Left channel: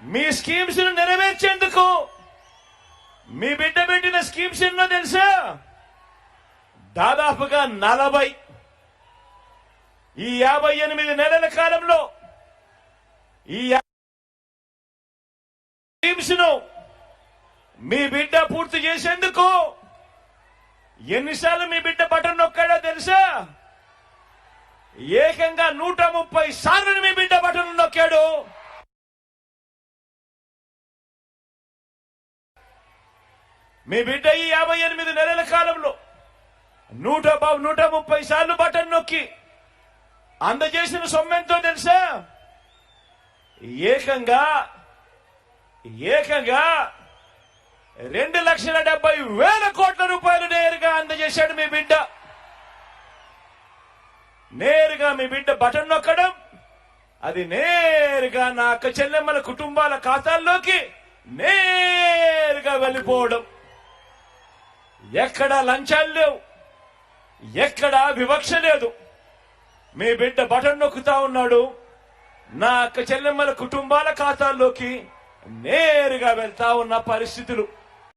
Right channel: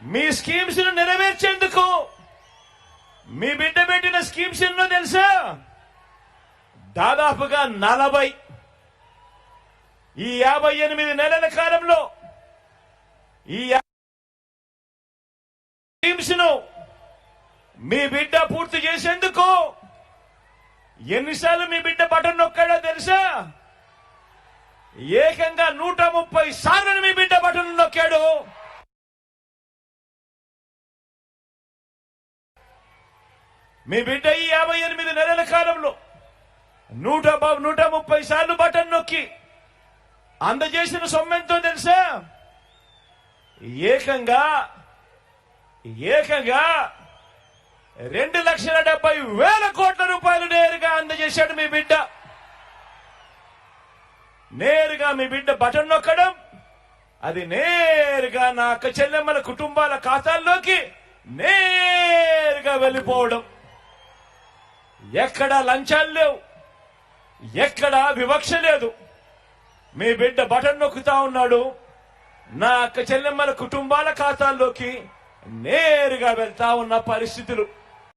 మీ schemes ను నెరవేర్చేందుకు మీ బిడ్డ పెట్టిన స్కీమ్స్ ఎన్నో తెలుసా? దాదాపుగా 40. ఈ 58 నెలల కాలంలో ఈ స్కీమ్స్ ను మీ బిడ్డ పూర్తి చేసేందుకు ఎన్నిసార్లు మీ బిడ్డ బటన్ నొక్కాడో తెలుసా? ఏకంగా 130 సార్లు మీ బిడ్డ బటన్ నొక్కాడు. మీ బిడ్డ ఈ 58 నెలల కాలంలో 130 సార్లు బటన్ నొక్కి అందజేసిన సొమ్మెంతో తెలుసా? ఏకంగా 2,70,000 కోట్ల రూపాయలు నేరుగా అందజేశాడు మీ బిడ్డ. నేరుగా మీ బిడ్డ బటన్ నొక్కడం, అది నేరుగా నా అక్క చెల్లెమ్మల కుటుంబాల ఖాతాల్లోకి నేరుగా వెళ్ళిపోవడం. ఎక్కడా లంచాలు లేవు, ఎక్కడా వివక్ష లేదు. మీ బిడ్డ బటన్ నొక్కుతా ఉన్నాడు, నా అక్క చెల్లెమ్మల కుటుంబాల ఖాతాల్లోకి నేరుగా వెళ్తా ఉన్న పరిస్థితులు.